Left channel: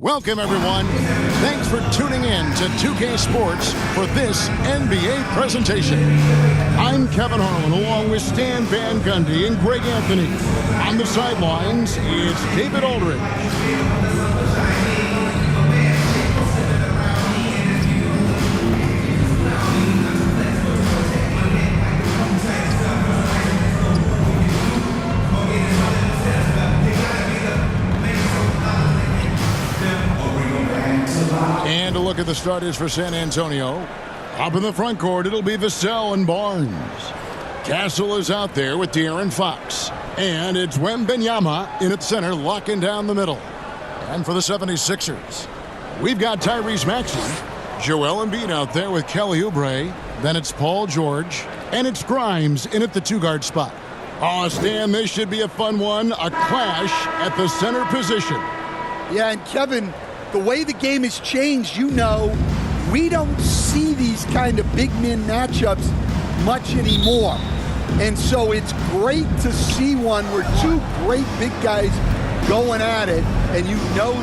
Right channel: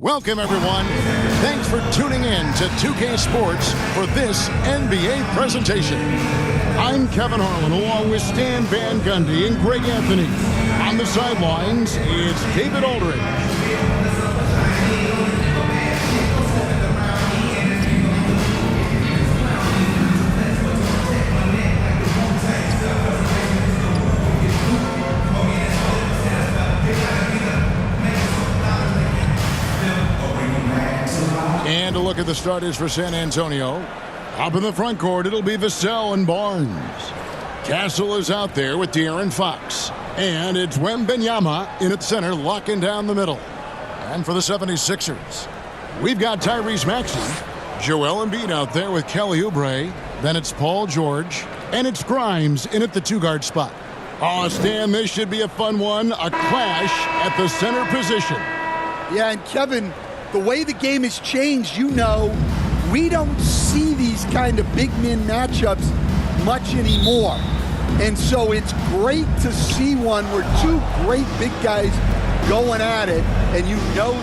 Welcome, everyone. Thanks for tuning in to 2K Sports for this NBA presentation. I'm Kevin Harlan, along with Stan Van Gundy and Greg Anthony. On the sidelines, it's David Aldridge. And a look at the starters for San Antonio. Up in the front court, it'll be Vassell and Barnes. Castle is out there with De'Aaron Fox. And it's Wembanyama in at center, locking down the middle. And for the 76ers, we've got Tyrese Maxey, Joel Embiid out there with Kelly Oubre. Then it's Paul George. And it's Grimes in at the two-guard spot. Oh, Stan, this should be a fun one. A clash at the center position. Yeah, and Kevin, the way the game has changed, we don't see these kind of big men matchups much anymore. And so it's great to see one where two great big guys going at it, and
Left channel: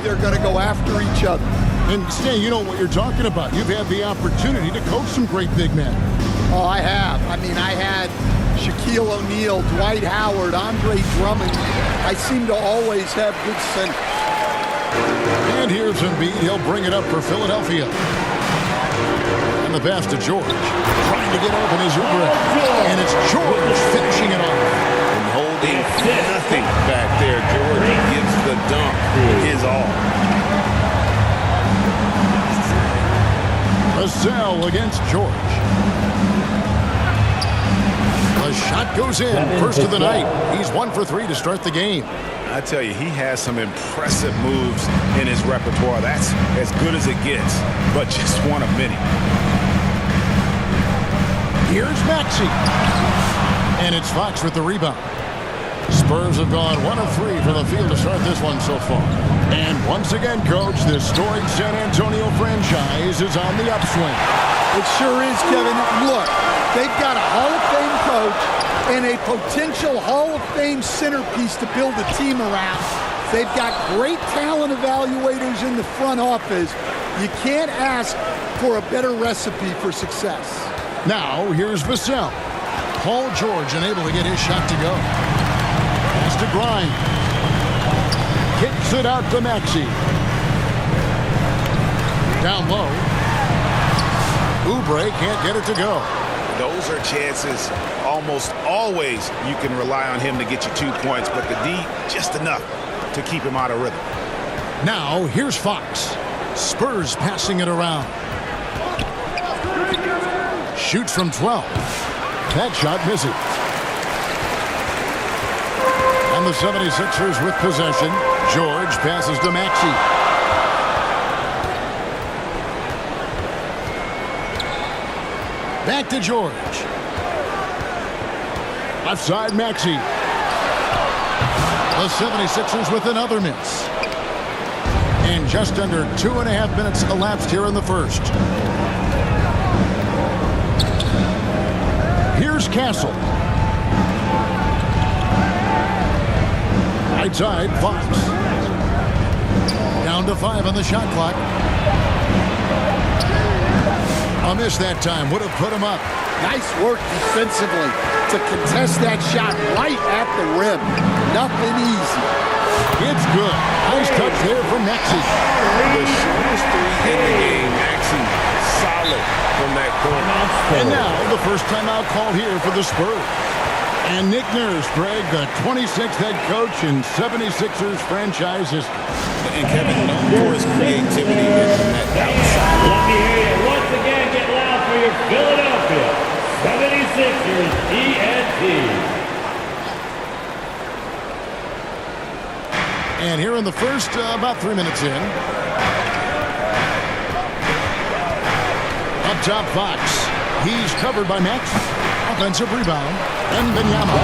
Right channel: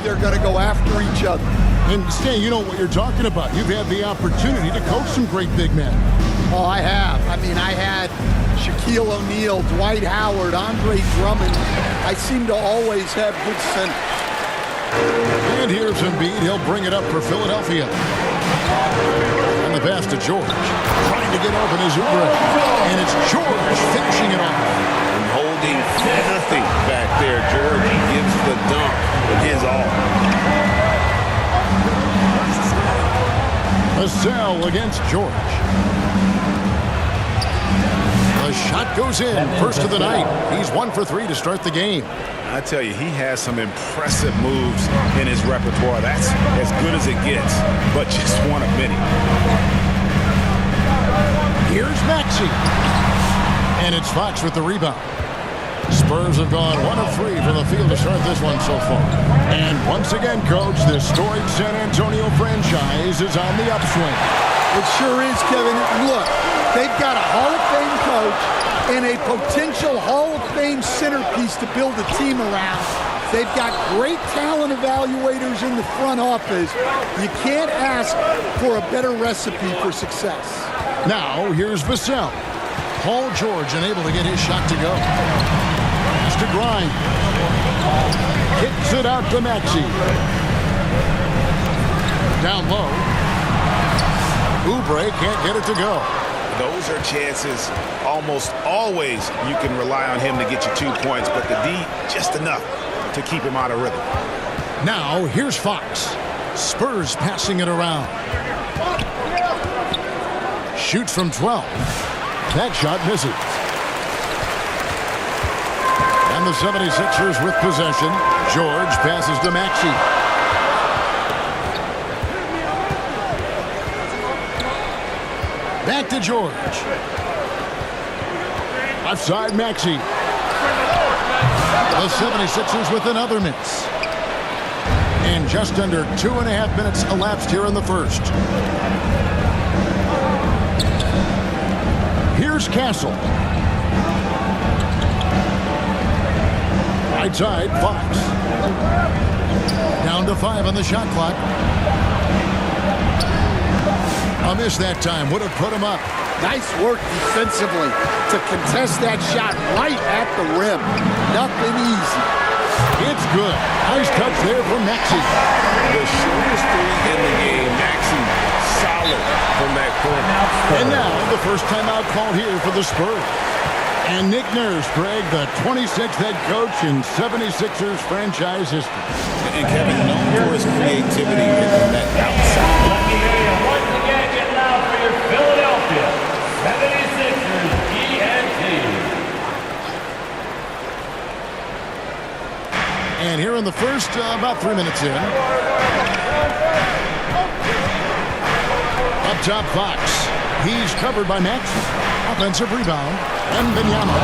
they're going to go after each other. And Stan, you know what you're talking about. You've had the opportunity to coach some great big men. Oh, I have. I had Shaquille O'Neal, Dwight Howard, Andre Drummond. I seem to always have good centers. And here's Embiid. He'll bring it up for Philadelphia. And the pass to George. Trying to get open is Oubre. And it's George finishing it off. And holding nothing back there. George gives the dunk his all. Vassell against George. The shot goes in. First of the night. He's 1 for 3 to start the game. I tell you, he has some impressive moves in his repertoire. That's as good as it gets, but just one of many. Here's Maxey. And it's Fox with the rebound. Spurs have gone 1 of 3 from the field to start this one so far. And once again, Coach, this storied San Antonio franchise is on the upswing. It sure is, Kevin. Look, they've got a Hall of Fame coach and a potential Hall of Fame centerpiece to build a team around. They've got great talent evaluators in the front office. You can't ask for a better recipe for success. Now, here's Vassell. Paul George unable to get his shot to go. Pass to Grimes. Kicks it out to Maxey. Down low. Oubre can't get it to go. Those are chances almost always you can rely on him to get you 2 points, but the D just enough to keep him out of rhythm. Now, here's Fox. Spurs passing it around. Shoots from 12. That shot misses. And the 76ers with possession. George passes to Maxey. Back to George. Left side, Maxey. The 76ers with another miss. And just under 2.5 minutes elapsed here in the first. Here's Castle. Right side, Fox. Down to 5 on the shot clock. A miss that time. Would have put him up. Nice work defensively to contest that shot right at the rim. Nothing easy. It's good. Nice touch there from Maxey. The shortest 3 in the game. Maxey solid from that corner. And now the first timeout called here for the Spurs. And Nick Nurse, Greg, the 26th head coach in 76ers franchise history. And Kevin, known for his creativity in that outside. Let me hear you once again get loud for your Philadelphia 76ers ENT. And here in the first, about 3 minutes in. Up top, Fox. He's covered by Max. Offensive rebound. Wembanyama.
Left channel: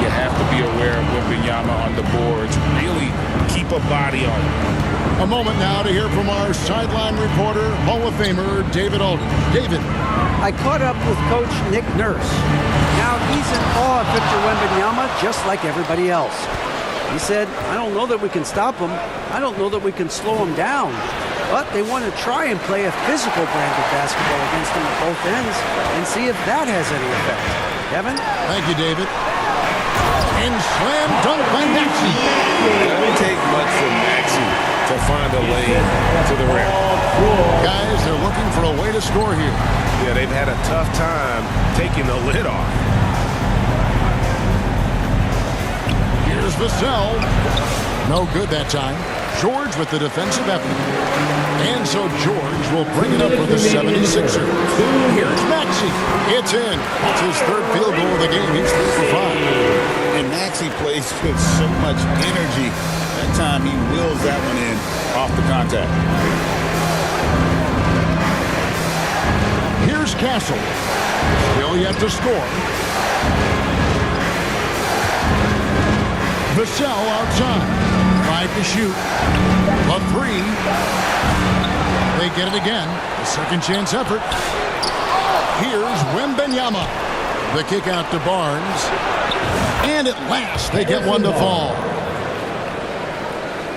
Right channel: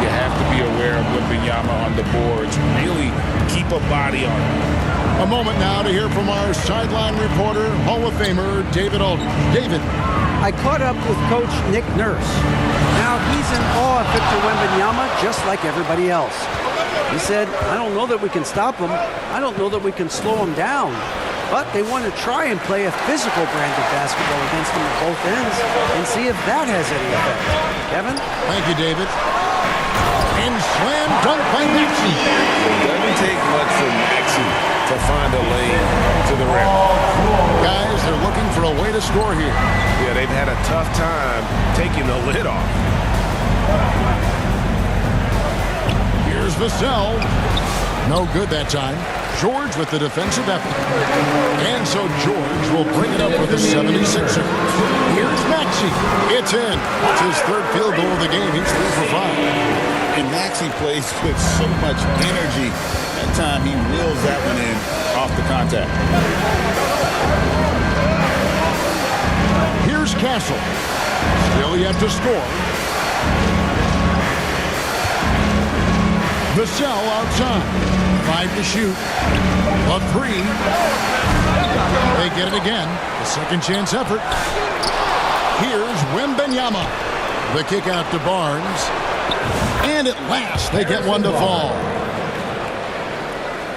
You have to be aware of Wembanyama on the boards. Really keep a body on him. A moment now to hear from our sideline reporter, Hall of Famer David Aldridge. David. I caught up with Coach Nick Nurse. Now he's in awe of Victor Wembanyama just like everybody else. He said, I don't know that we can stop them. I don't know that we can slow them down. But they want to try and play a physical brand of basketball against them at both ends and see if that has any effect. Kevin? Thank you, David. And slam dunk by Maxey. It doesn't take much for Maxey to find a lane to the rim. Guys, they're looking for a way to score here. Yeah, they've had a tough time taking the lid off. Here's Vassell. No good that time. George with the defensive effort. And so George will bring it up with the 76ers. Here's Maxey. It's in. That's his third field goal of the game. He's 3 for 5. And Maxey plays with so much energy. That time he wheels that one in off the contact. Here's Castle. Still yet to score. Vassell outside. 5 to shoot. The 3. They get it again. A second chance effort. Here's Wembanyama. The kick out to Barnes. And at last, they get one to fall.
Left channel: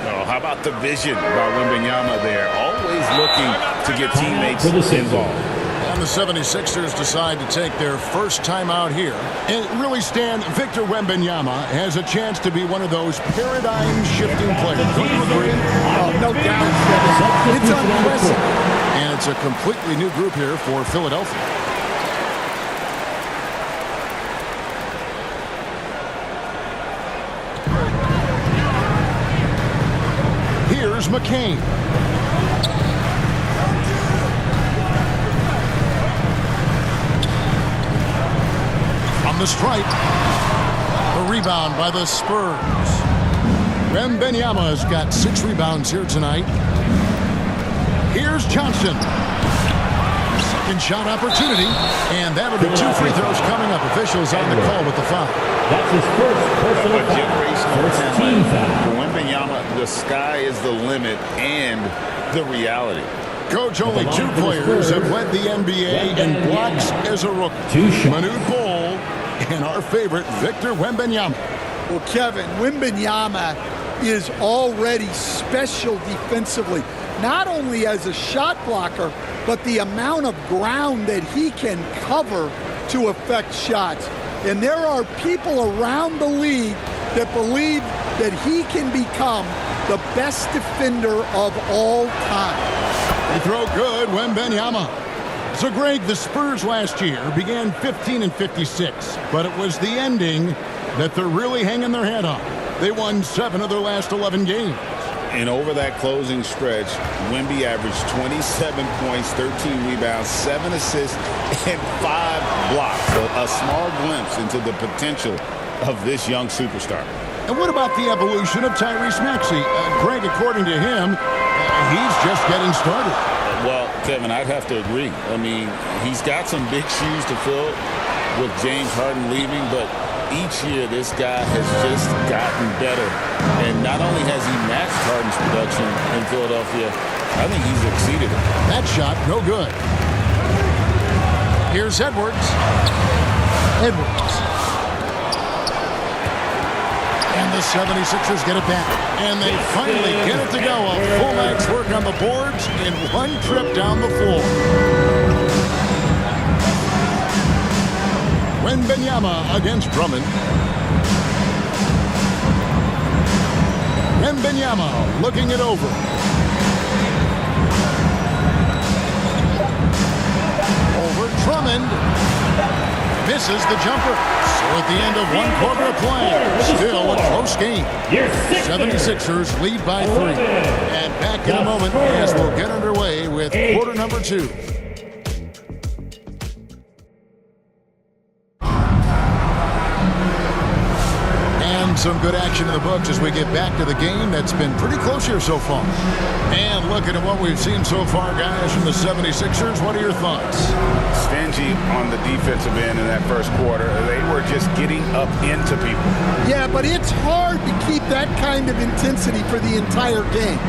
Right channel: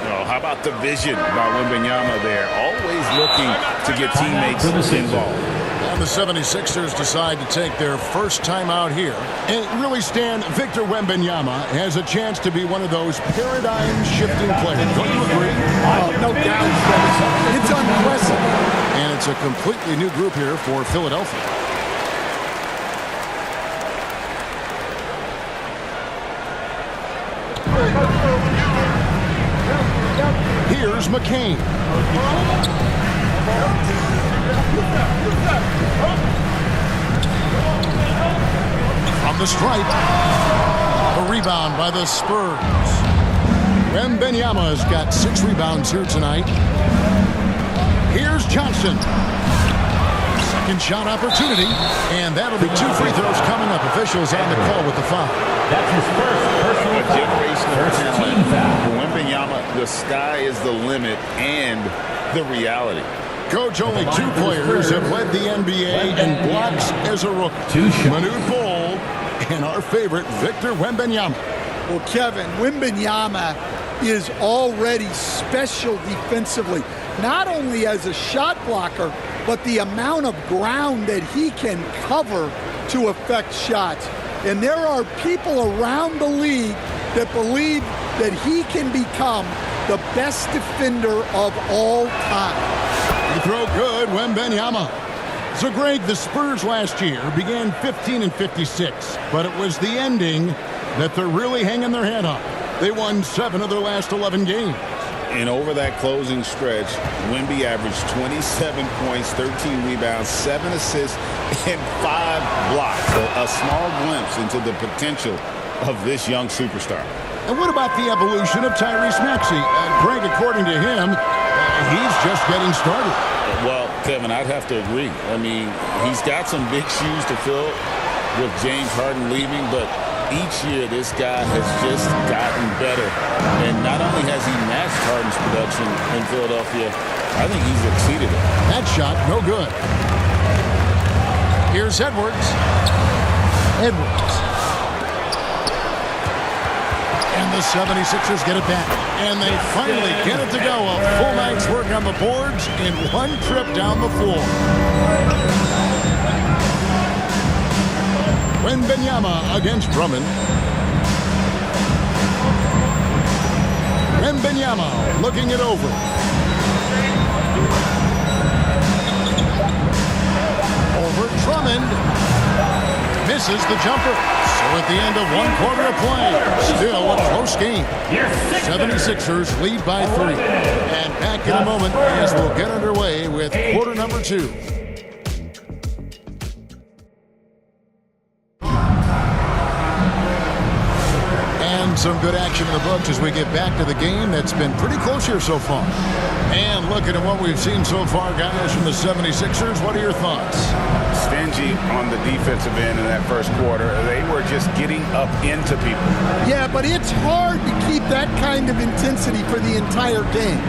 Oh, how about the vision by Wembanyama there? Always looking to get teammates involved. And the 76ers decide to take their first time out here. And really, Stan, Victor Wembanyama has a chance to be one of those paradigm-shifting players. Don't you agree? Oh, no doubt, Kevin. It's unprecedented. And it's a completely new group here for Philadelphia. Here's McCain. From the stripe. The rebound by the Spurs. Wembanyama has got 6 rebounds here tonight. Here's Johnson. Second shot opportunity. And that'll be 2 free throws coming up. Officials on the call with the foul. That's his first personal A generational foul. talent. For Wembanyama, the sky is the limit and the reality. Coach, only 2 players have led the NBA in blocks as a rookie. 2 shots. Manute Bol and our favorite, Victor Wembanyama. Well, Kevin, Wembanyama is already special defensively, not only as a shot blocker, but the amount of ground that he can cover to affect shots. And there are people around the league that believe that he can become the best defender of all time. They throw good, Wembanyama. So, Greg, the Spurs last year began 15 and 56, but it was the ending that they're really hanging their head on. They won 7 of their last 11 games. And over that closing stretch, Wemby averaged 27 points, 13 rebounds, 7 assists, and 5 blocks. A small glimpse into the potential of this young superstar. And what about the evolution of Tyrese Maxey? Greg, according to him, he's just getting started. Well, Kevin, I'd have to agree. I mean, he's got some big shoes to fill with James Harden leaving, but each year this guy has just gotten better. And not only has he matched Harden's production in Philadelphia, I think he's exceeded it. That shot, no good. Here's Edwards. And the 76ers get it back. And they finally get it to go. A full night's work on the boards in one trip down the floor. Wembanyama against Drummond. Wembanyama looking it over. Over Drummond. Misses the jumper. So at the end of 1 quarter of play, still a close game. 76ers lead by 3. And back in a moment as we'll get underway with quarter number 2. And some good action in the books as we get back to the game that's been pretty close here so far. And looking at what we've seen so far, guys, from the 76ers, what are your thoughts? Stingy on the defensive end in that first quarter. They were just getting up into people. Yeah, but it's hard to keep that kind of intensity for the entire game.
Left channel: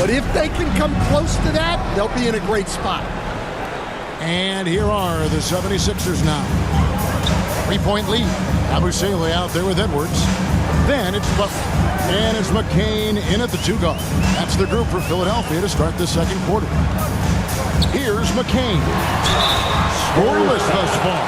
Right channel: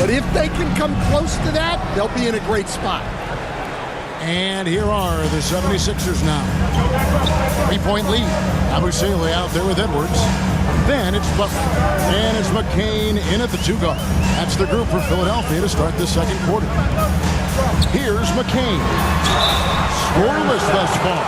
But if they can come close to that, they'll be in a great spot. And here are the 76ers now. 3-point lead. Abusele out there with Edwards. Then it's Butler. And it's McCain in at the 2 guard. That's the group for Philadelphia to start the second quarter. Here's McCain. Scoreless thus far.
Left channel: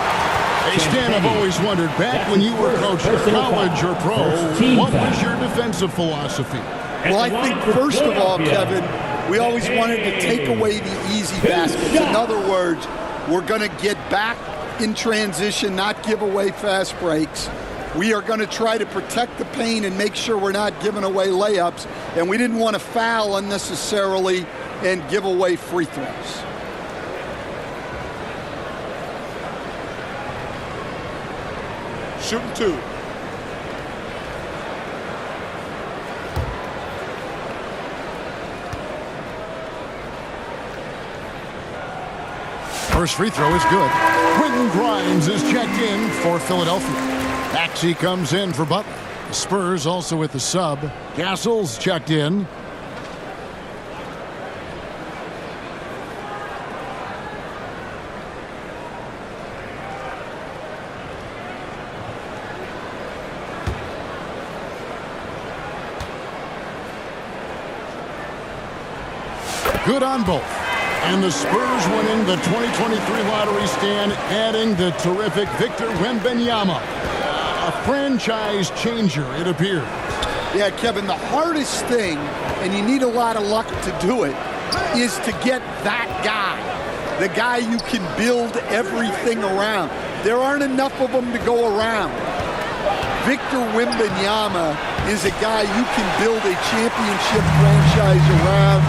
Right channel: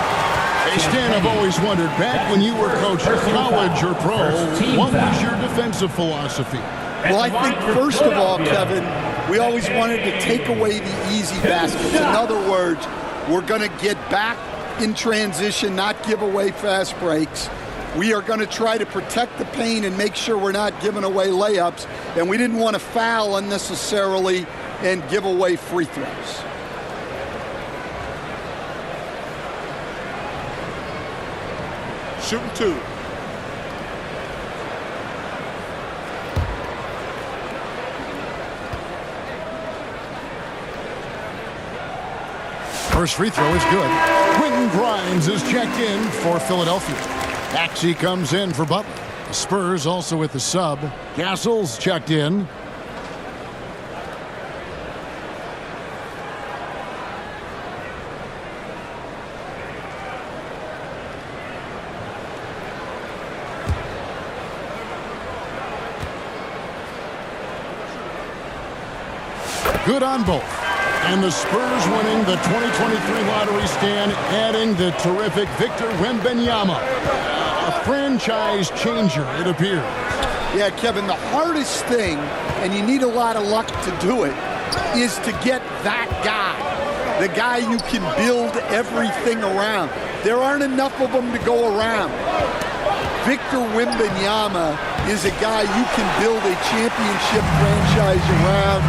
Hey, Stan, I've always wondered, back when you were coaching college or pro, what was your defensive philosophy? Well, I think first of all, Kevin, we always wanted to take away the easy baskets. In other words, we're going to get back in transition, not give away fast breaks. We are going to try to protect the paint and make sure we're not giving away layups. And we didn't want to foul unnecessarily and give away free throws. Shooting 2. First free throw is good. Quentin Grimes is checked in for Philadelphia. Maxey comes in for Butler. The Spurs also with the sub. Castle's checked in. Good on both. And the Spurs winning the 2023 lottery, stand, adding the terrific Victor Wembanyama. A franchise changer, it appears. Yeah, Kevin, the hardest thing, and you need a lot of luck to do it, is to get that guy. The guy you can build everything around. There aren't enough of them to go around. Victor Wembanyama is a guy you can build a championship franchise around.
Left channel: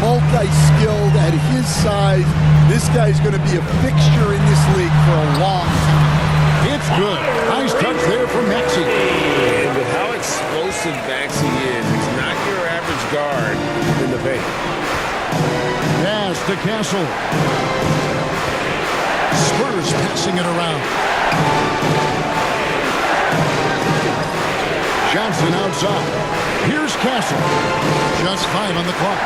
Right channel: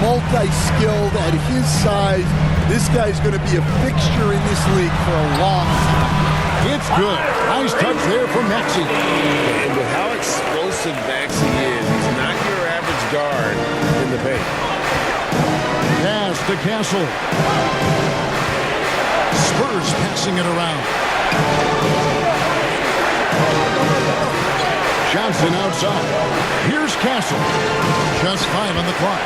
Multi-skilled at his size. This guy's going to be a fixture in this league for a long time. It's good. Nice touch there from Maxey. And with how explosive Maxey is, he's not your average guard in the paint. Pass to Castle. Spurs passing it around. Johnson outside. Here's Castle. Just 5 on the clock.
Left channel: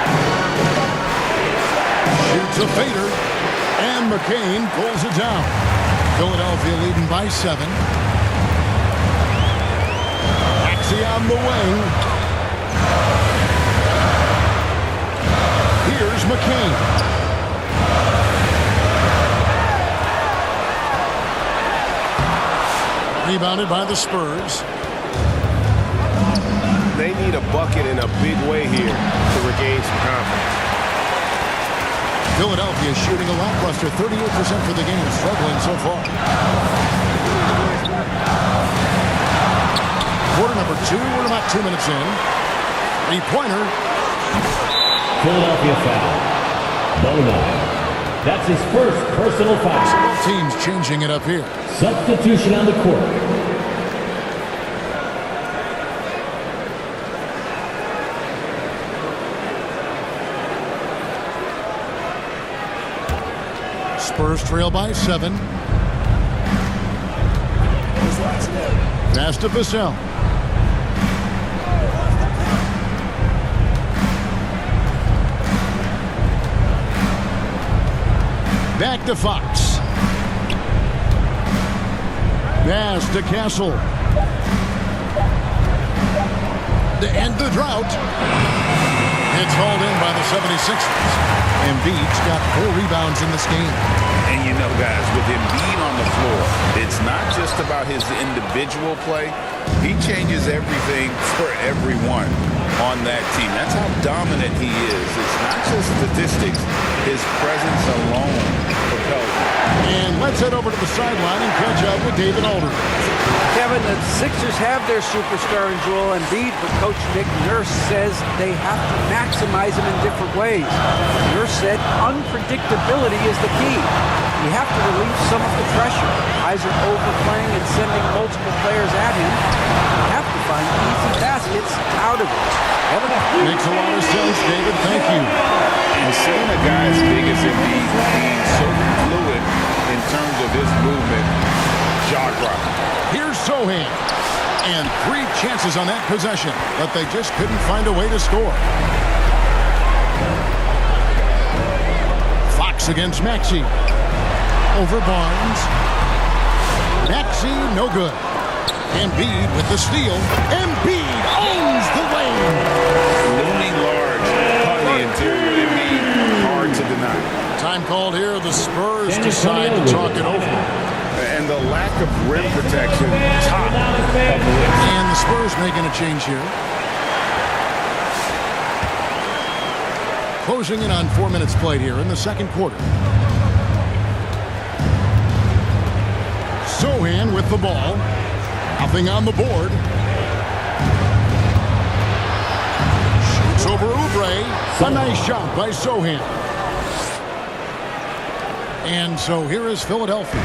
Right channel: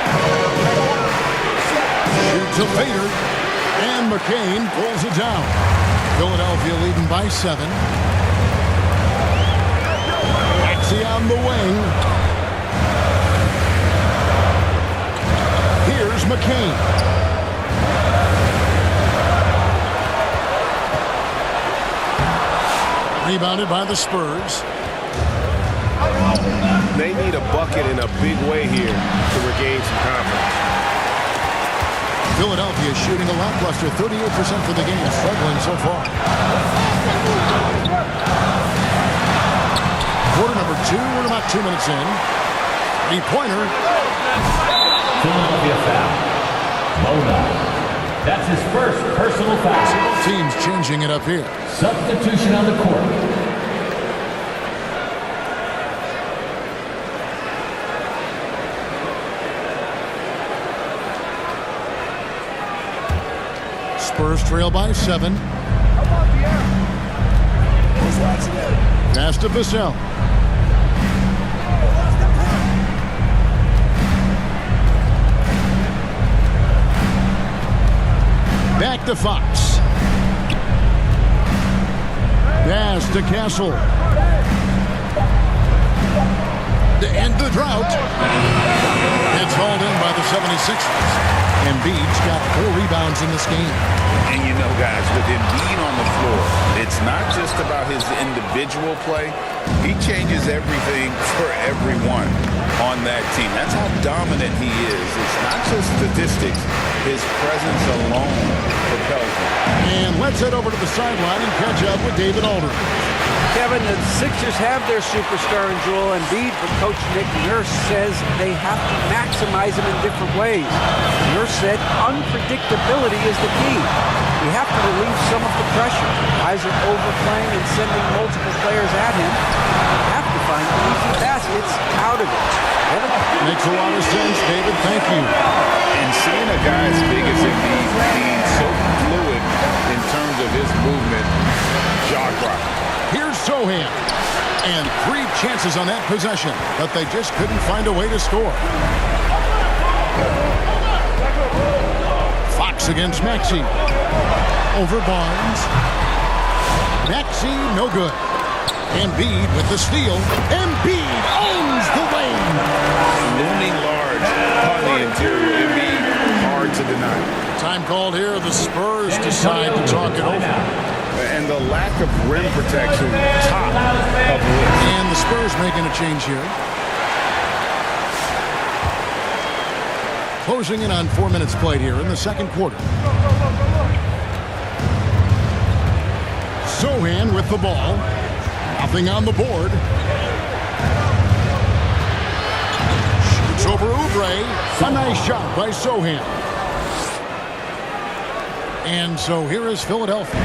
Shoots a fader. And McCain pulls it down. Philadelphia leading by 7. Maxey on the wing. Here's McCain. Rebounded by the Spurs. They need a bucket in a big way here to regain some confidence. Philadelphia shooting a lackluster 38% for the game, struggling so far. Quarter number 2, we're about 2 minutes in. 3-pointer. Philadelphia foul. Boda. That's his first personal foul. So both teams changing it up here. Substitution on the court. Spurs trail by 7. Pass to Vassell. Back to Fox. Pass to Castle. To end the drought. It's hauled in by the 76ers. Embiid's got 4 rebounds in this game. And you know, guys, with Embiid on the floor, it's not just about his individual play. He changes everything for everyone on that team. That's how dominant he is. It's not just statistics. His presence alone propels him. And let's head over to the sideline and catch up with David Aldridge. Kevin, the Sixers have their superstar in Joel Embiid, but Coach Nick Nurse says they have to maximize him in different ways. Nurse said unpredictability is the key. You have to relieve some of the pressure. Guys are overplaying and sending multiple players at him. You have to find easy baskets out of it. Kevin? Makes a lot of sense, David. Thank you. And seeing a guy as big as Embiid being so fluid in terms of his movement, jaw-dropping. Here's Sohan. And 3 chances on that possession, but they just couldn't find a way to score. Fox against Maxey. Over Barnes. Maxey, no good. Embiid with the steal. Embiid finds the lane. Looming large on the interior. It'd be hard to deny. Time called here. The Spurs decide to talk it over. And the lack of rim protection, top of the list. And the Spurs making a change here. Closing in on 4 minutes played here in the second quarter. Sohan with the ball. Nothing on the board. Shoots over Oubre. A nice shot by Sohan. And so here is Philadelphia.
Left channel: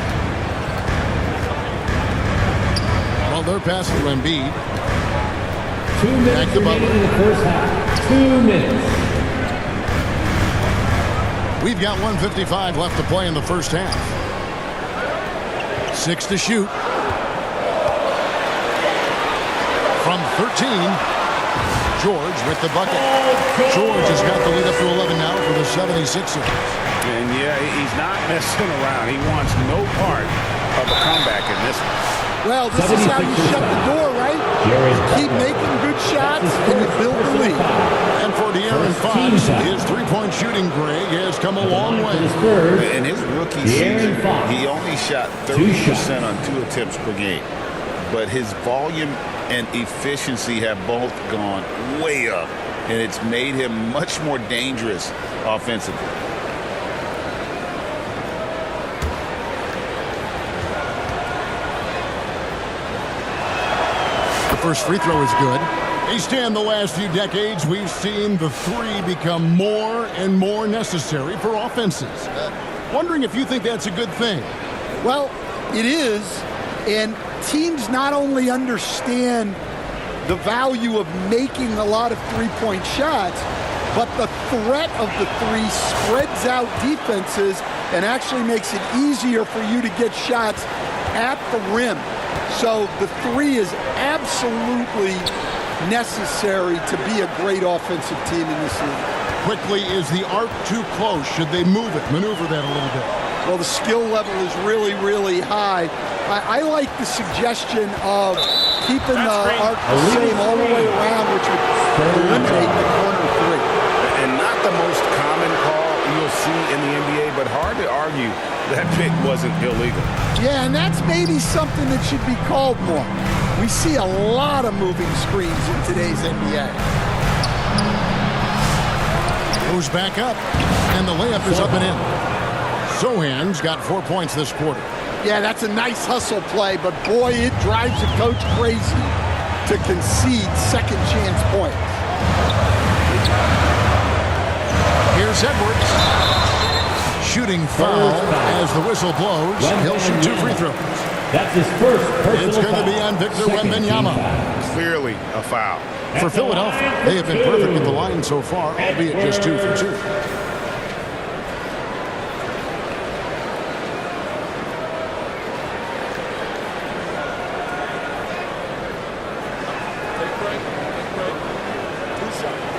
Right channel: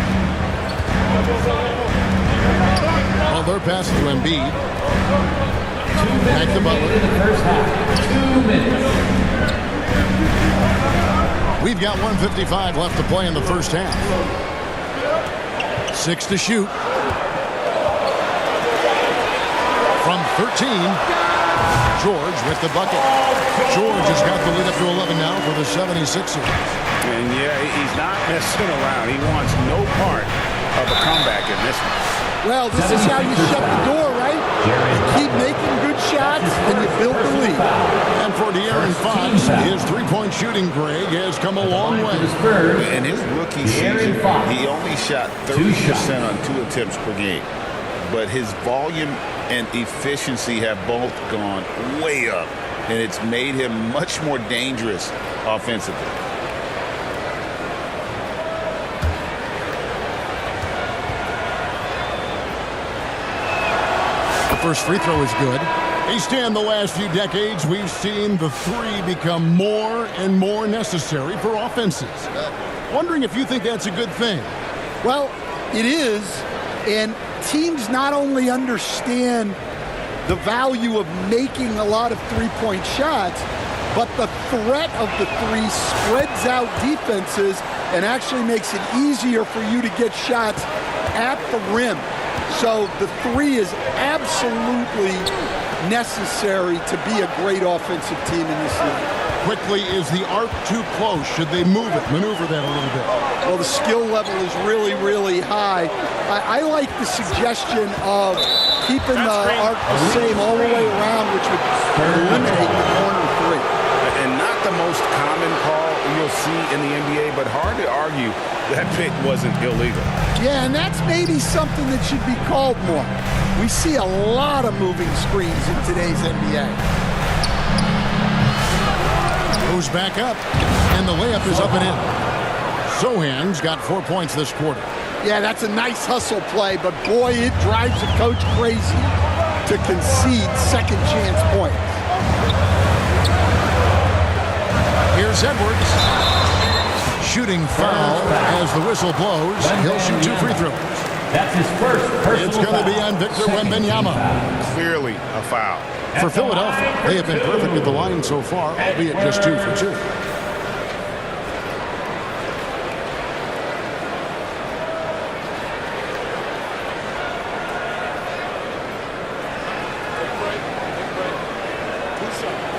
Well, they're passing to Embiid. 2 minutes Back to Butler. in the first half. 2 minutes. We've got 1:55 left to play in the first half. 6 to shoot. From 13, George with the bucket. George has got the lead up to 11 now for the 76ers. And yeah, he's not messing around. He wants no part of a comeback in this one. Well, this is how you shut the door, right? You keep making good shots and you build the lead. And for De'Aaron Fox, his three-point shooting, Greg, has come a long way. In his rookie season, he only shot 30% on 2 attempts per game. But his volume and efficiency have both gone way up, and it's made him much more dangerous offensively. The first free throw is good. The last few decades, we've seen the three become more and more necessary for offenses. Wondering if you think that's a good thing. Well, it is, and teams not only understand the value of making a lot of three-point shots, but the threat of the three spreads out defenses and actually makes it easier for you to get shots at the rim. So the three is absolutely necessary to be a great offensive team in this league. Quickly, is the arc too close? Should they move it, maneuver that a little bit? Well, the skill level is really, really high. I like the suggestion of keeping the arc the same all the way around, which would eliminate the corner three. And not the most common call you'll see in the NBA, but hard to argue that pick wasn't illegal. Yeah, and that's maybe something that should be called more. We see a lot of moving screens in today's NBA. Goes back up, and the layup is up and in. Sohan's got 4 points this quarter. Yeah, that's a nice hustle play, but boy, it drives a coach crazy to concede second chance points. Here's Edwards. Shooting foul as the whistle blows. He'll shoot 2 free throws. That's his first personal It's going to be on Victor Wembanyama. Clearly a foul. For Philadelphia, they have been perfect at the line so far, albeit just 2 for 2. Take break. 2 shots.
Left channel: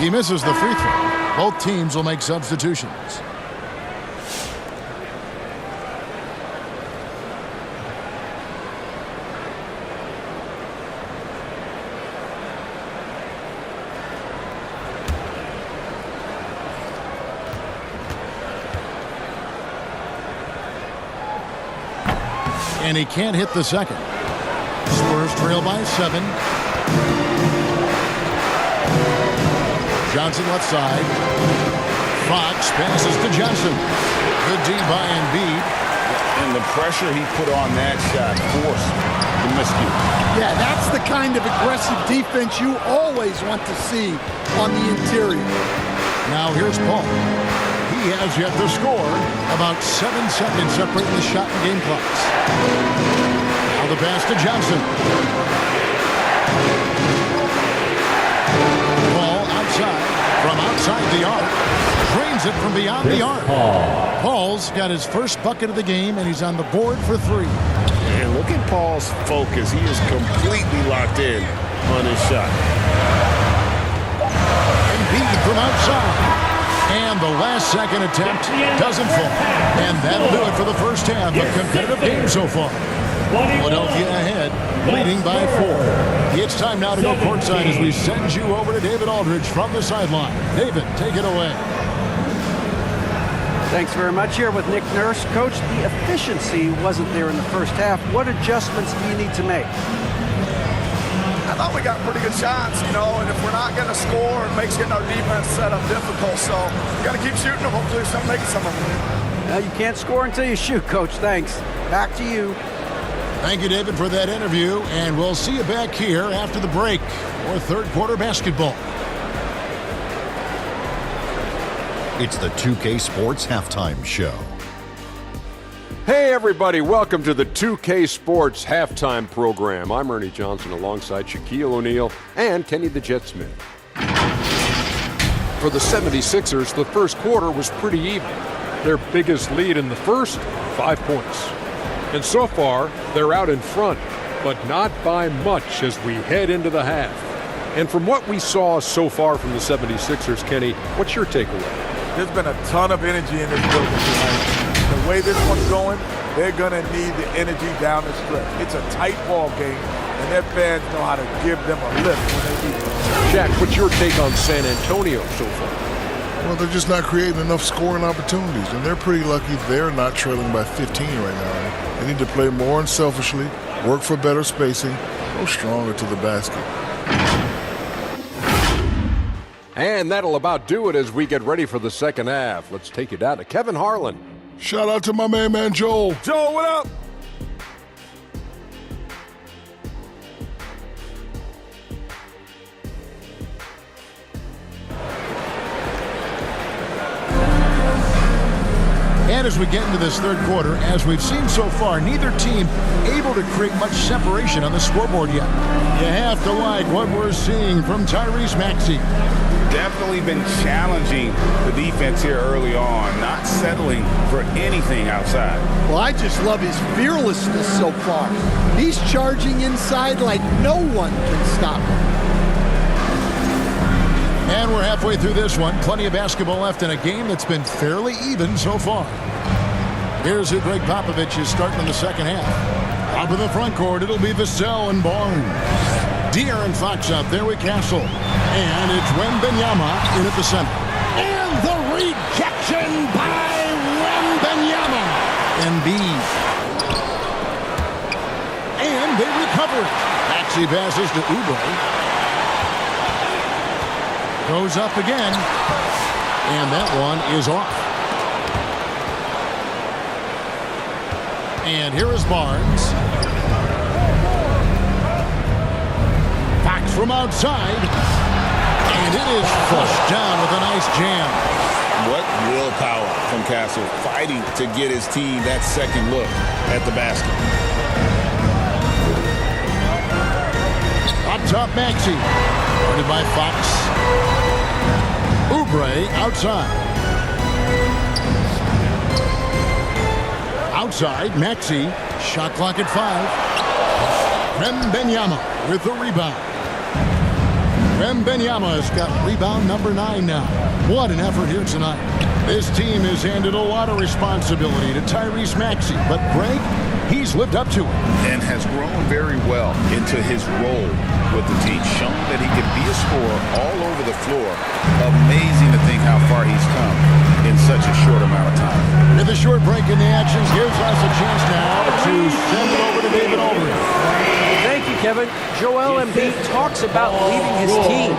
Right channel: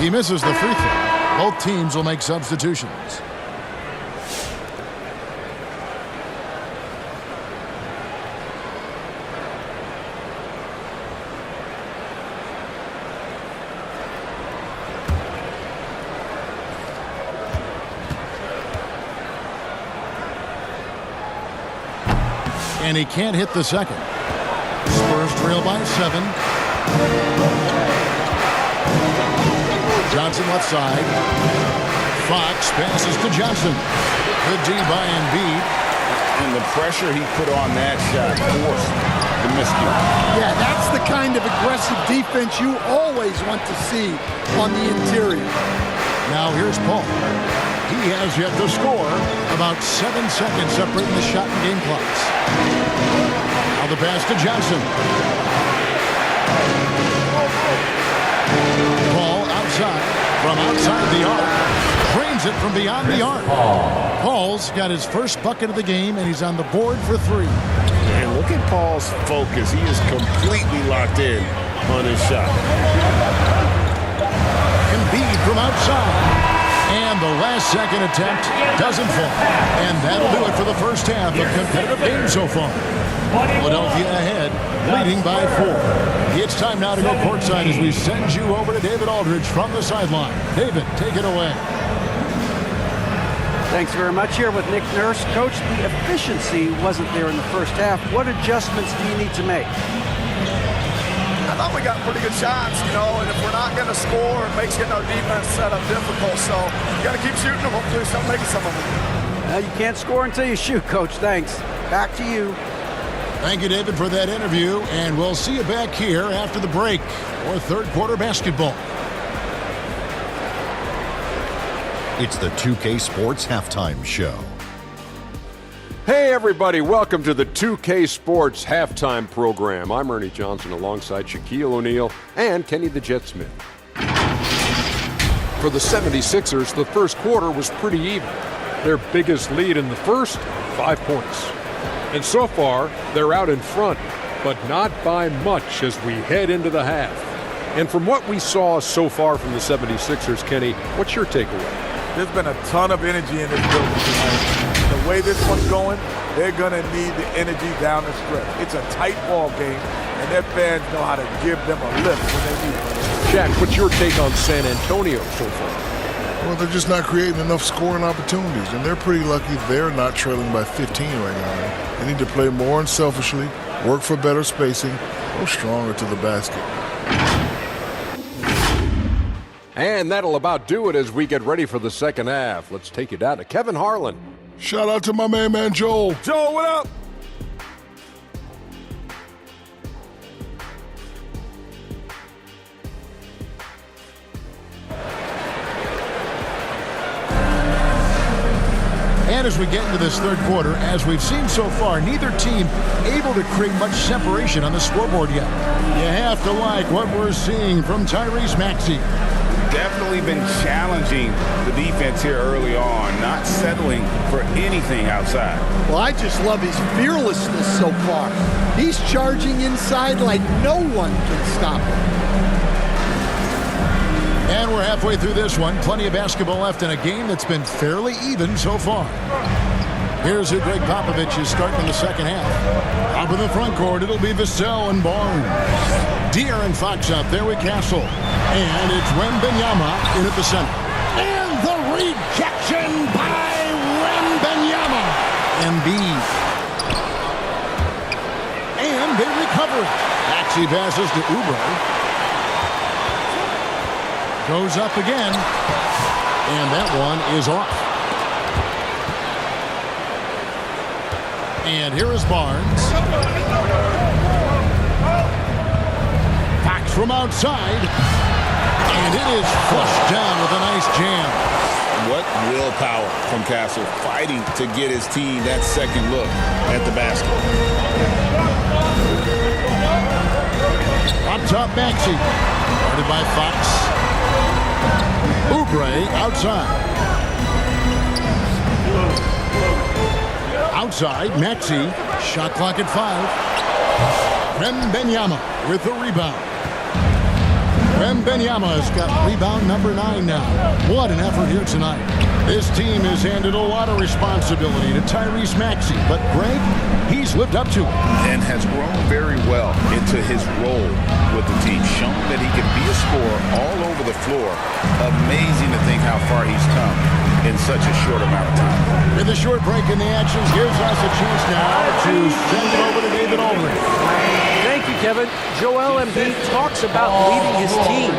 He misses the free throw. Both teams will make substitutions. And he can't hit the second. Spurs trail by 7. Johnson left side. Fox passes to Johnson. Good D by Embiid. And the pressure he put on that shot forced the miscue. Yeah, that's the kind of aggressive defense you always want to see on the interior. Now here's Paul. He has yet to score. About 7 seconds separating the shot and game clocks. Now the pass to Johnson. Paul outside. From outside the arc. Drains it from beyond the arc. Paul's got his first bucket of the game, and he's on the board for 3. And look at Paul's focus. He is completely locked in on his shot. Embiid from outside. And the last-second attempt doesn't fall. And that'll do it for the first half. A competitive game so far. Philadelphia ahead, leading by 4. It's time now to go courtside as we send you over to David Aldridge from the sideline. David, take it away. Thanks very much. Here with Nick Nurse. Coach, the efficiency wasn't there in the first half. What adjustments do you need to make? I thought we got pretty good shots, and if we're not going to score, it makes getting our defense set up difficult. So we got to keep shooting them. Hopefully start making some of them. You can't score until you shoot, Coach. Thanks. Back to you. Thank you, David, for that interview, and we'll see you back here after the break for third quarter basketball. It's the 2K Sports Halftime Show. Hey everybody, welcome to the 2K Sports Halftime Program. I'm Ernie Johnson alongside Shaquille O'Neal and Kenny the Jet Smith. For the 76ers, the first quarter was pretty even. Their biggest lead in the first, 5 points. And so far, they're out in front, but not by much as we head into the half. And from what we saw so far from the 76ers, Kenny, what's your takeaway? There's been a ton of energy in this building tonight. The way this one's going, they're going to need the energy down the stretch. It's a tight ball game, and their fans know how to give them a lift when they need it. Shaq, what's your take on San Antonio so far? Well, they're just not creating enough scoring opportunities, and they're pretty lucky they're not trailing by 15 right now. They need to play more unselfishly, work for better spacing, go stronger to the basket. And that'll about do it as we get ready for the second half. Let's take you down to Kevin Harlan. Shout out to my man Joel. Joel, what up? And as we get into this third quarter, as we've seen so far, neither team able to create much separation on the scoreboard yet. You have to like what we're seeing from Tyrese Maxey. Definitely been challenging the defense here early on, not settling for anything outside. Well, I just love his fearlessness so far. He's charging inside like no one can stop him. And we're halfway through this one. Plenty of basketball left in a game that's been fairly even so far. Here's who Greg Popovich is starting in the second half. Up in the front court, it'll be Vassell and Barnes. De'Aaron Fox out there with Castle. And it's Wembanyama in at the center. And the rejection by Wembanyama. Embiid. And they recover it. Maxey passes to Oubre. Goes up again. And that one is off. And here is Barnes. Fox from outside. And it is flushed down with a nice jam. What willpower from Castle, fighting to get his team that second look at the basket. Up top, Maxey. Guarded by Fox. Oubre outside. Outside, Maxey. Shot clock at 5. Wembanyama with the rebound. Wembanyama has got rebound number 9 now. What an effort here tonight. This team has handed a lot of responsibility to Tyrese Maxey, but Greg, he's lived up to it. And has grown very well into his role with the team. Shown that he can be a scorer all over the floor. Amazing to think how far he's come in such a short amount of time. With a short break in the action, gives us a chance now to send it over to David Aldridge. Thank you, Kevin. Joel Embiid talks about leading his team.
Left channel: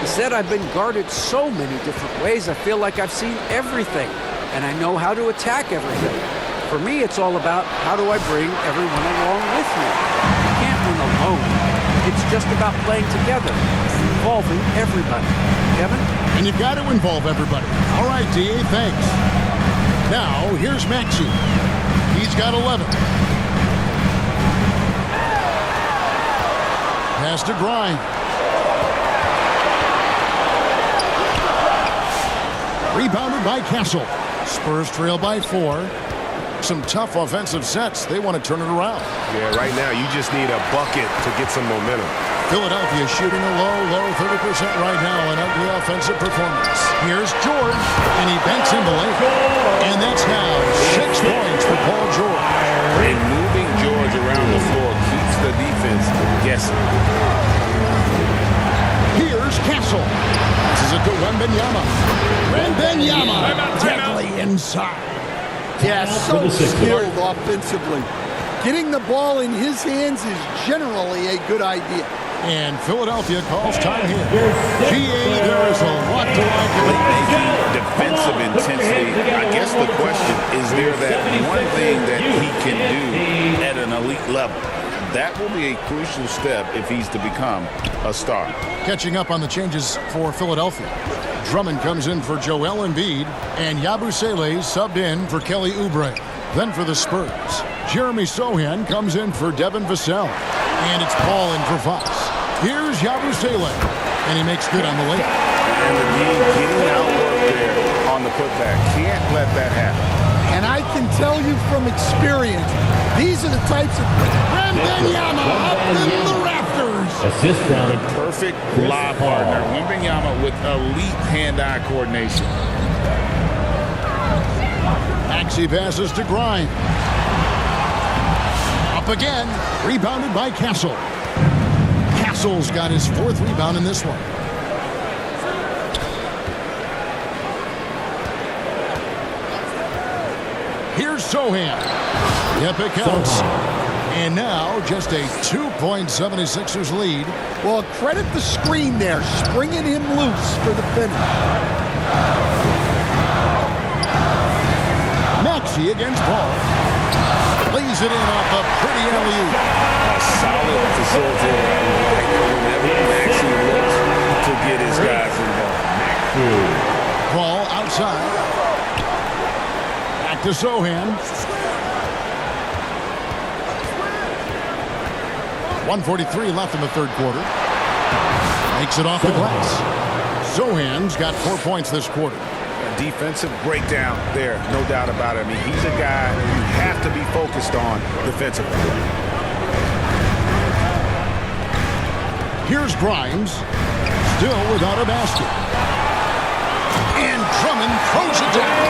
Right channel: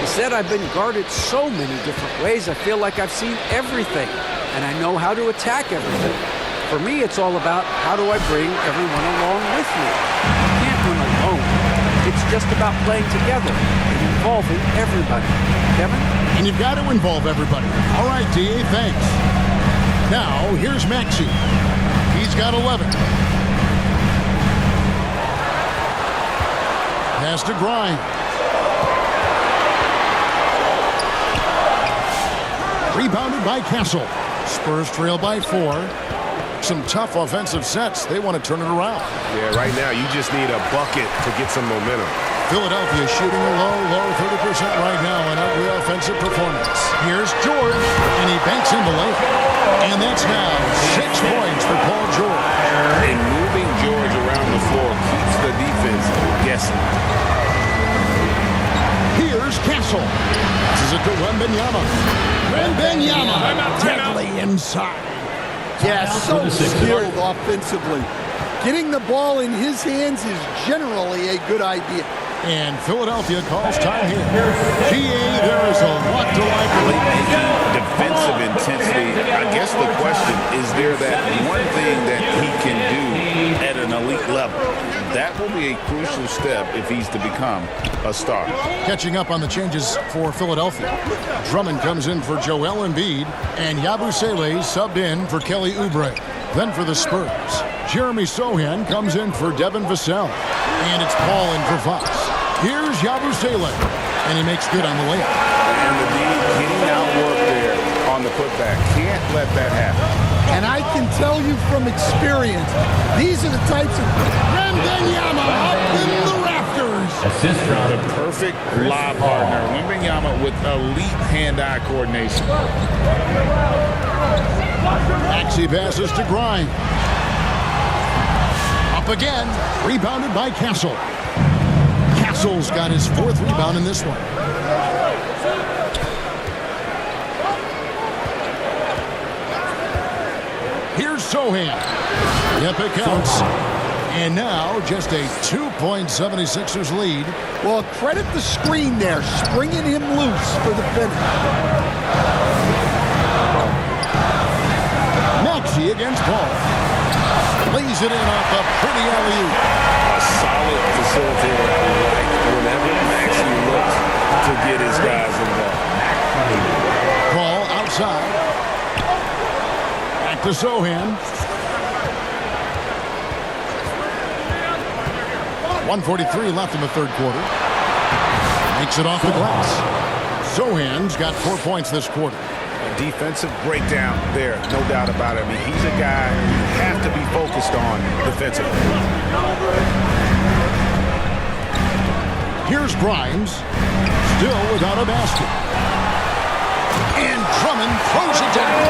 He said, I've been guarded so many different ways. I feel like I've seen everything, and I know how to attack everything. For me, it's all about how do I bring everyone along with me. You can't win alone. It's just about playing together and involving everybody. Kevin? And you've got to involve everybody. All right, D.A., thanks. Now, here's Maxey. He's got 11. Pass to Grimes. Rebounded by Castle. Spurs trail by 4. Some tough offensive sets. They want to turn it around. Yeah, right now you just need a bucket to get some momentum. Philadelphia shooting a low 30% right now. An ugly offensive performance. Here's George, and he banks in the layup. And that's now 6 points for Paul George. And moving George around the floor keeps the defense guessing. Here's Castle. This is it to Wembanyama. Wembanyama deadly inside. Yeah, so skilled offensively. Getting the ball in his hands is generally a good idea. And Philadelphia calls time here. GA, there is a lot to like about Playmaking, defensive intensity. I guess the question, is there that one thing that he can do at an elite level? That will be a crucial step if he's to become a star. Catching up on the changes for Philadelphia. Drummond comes in for Joel Embiid, and Yabusele subbed in for Kelly Oubre. Then for the Spurs, Jeremy Sohan comes in for Devin Vassell. And it's Paul in for Fox. Here's Yabusele, and he makes good on the layup. And the D getting outworked there on the putback. Can't let that happen. And I can tell you from experience, these are the types of... Wembanyama up in the rafters. Assist from The perfect lob partner. Wembanyama with elite hand-eye coordination. Maxey passes to Grimes. Up again, rebounded by Castle. Castle's got his 4th rebound in this one. Here's Sohan. Yep, it counts. And now just a 2-point 76ers lead. Well, credit the screen there, springing him loose for the finish. Maxey against Paul. Lays it in off a pretty alley-oop. A solid facilitator. I like whenever Maxey looks to get his guys involved. Paul outside. Back to Sohan. 1:43 left in the third quarter. Makes it off the glass. Sohan's got 4 points this quarter. A defensive breakdown there, no doubt about it. I mean, he's a guy you have to be focused on defensively. Here's Grimes, still without a basket. And Drummond throws it down.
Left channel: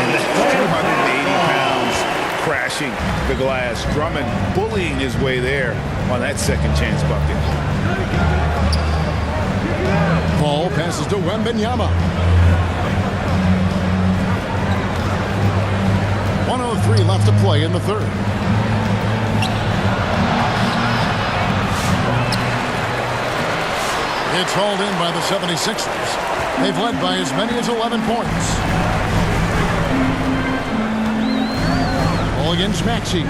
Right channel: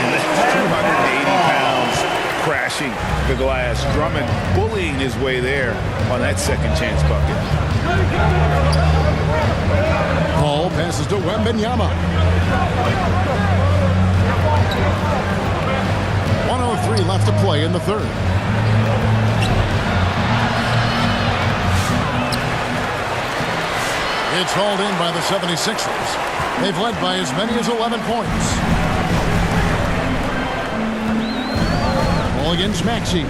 And that's 280 pounds crashing the glass. Drummond bullying his way there on that second chance bucket. Paul passes to Wembanyama. 1:03 left to play in the third. It's hauled in by the 76ers. They've led by as many as 11 points. Ball against Maxey.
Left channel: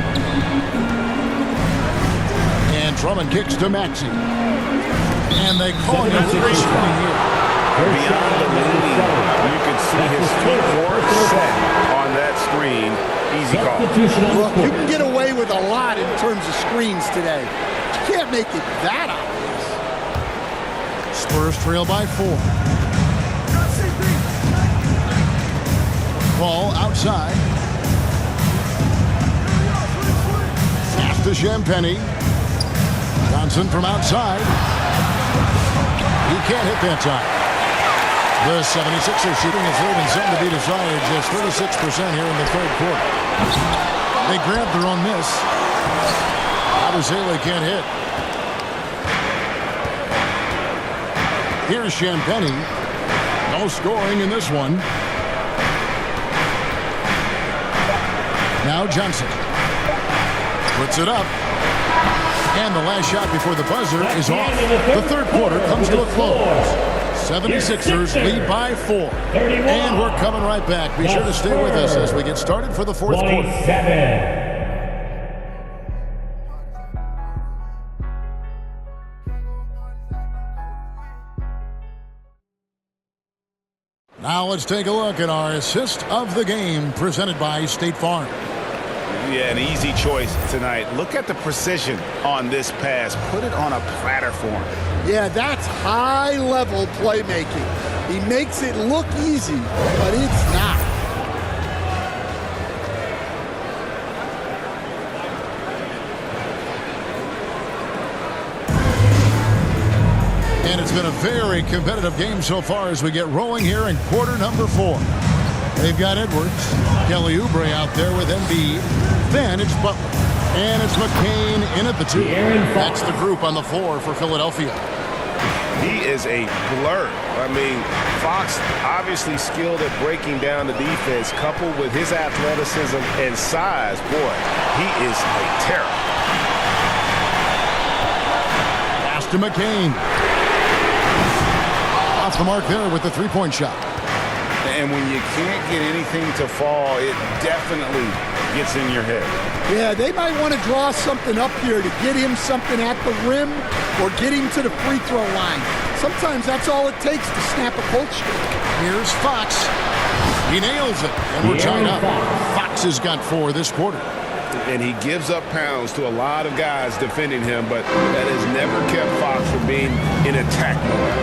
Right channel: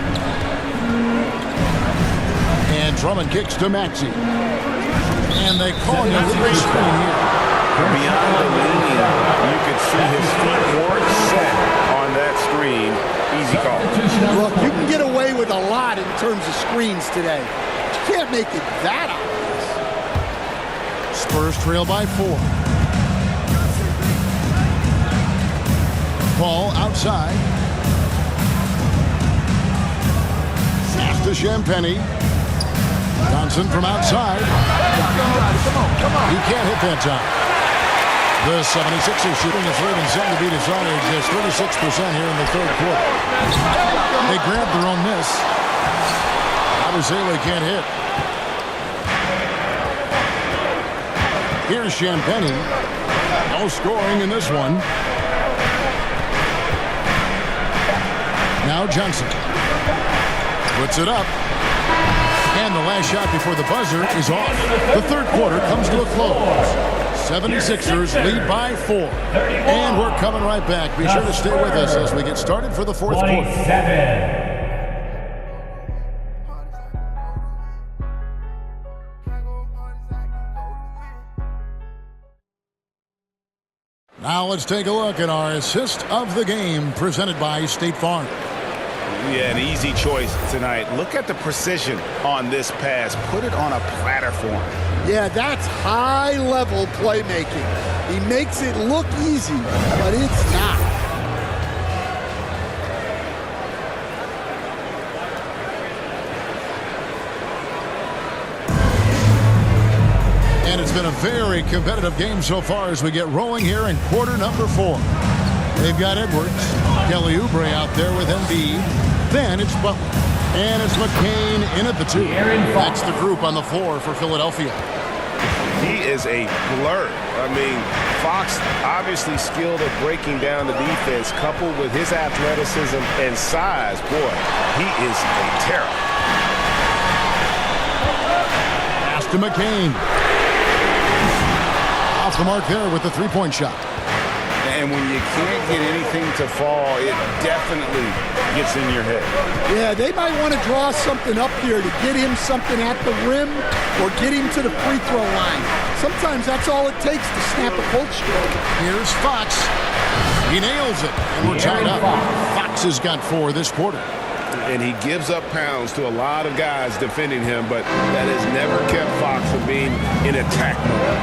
And Drummond kicks to Maxey. And they call him to the screen here. Beyond the leaning, you could see his feet weren't set on that screen. Easy call. Look, you can get away with a lot in terms of screens today. But you can't make it that obvious. Spurs trail by 4. Paul outside. Pass to Champagny. Johnson from outside. He can't hit that time. The 76ers shooting is leaving something to be desired. Just 36% here in the third quarter. They grabbed their own miss. Abusele can't hit. Here's Champagny. No scoring in this one. Now Johnson. Puts it up. And the last shot before the buzzer is off. The third quarter comes to a close. 76ers lead by 4. And we're coming right back. Be sure to stay with us as we get started for the fourth quarter. Now let's take a look at our assist of the game presented by State Farm. Yeah, an easy choice tonight. Look at the precision on this pass. Put it on a platter for him. Yeah, that's high-level playmaking. He makes it look easy, but it's not. And it's been a very competitive game so far as we get rolling here in quarter number 4. They've got Edwards, Kelly Oubre out there with Embiid. Then it's Butler. And it's McCain in at the 2. That's the group on the floor for Philadelphia. He is a blur. I mean, Fox obviously skilled at breaking down the defense, coupled with his athleticism and size. Boy, he is a terror. Pass to McCain. Off the mark there with the three-point shot. And when you can't get anything to fall, it definitely gets in your head. Yeah, they might want to draw something up here to get him something at the rim or get him to the free throw line. Sometimes that's all it takes to snap a cold streak. Here's Fox. He nails it, and we're tied up. Fox has got 4 this quarter. And he gives up pounds to a lot of guys defending him, but that has never kept Fox from being in attack mode.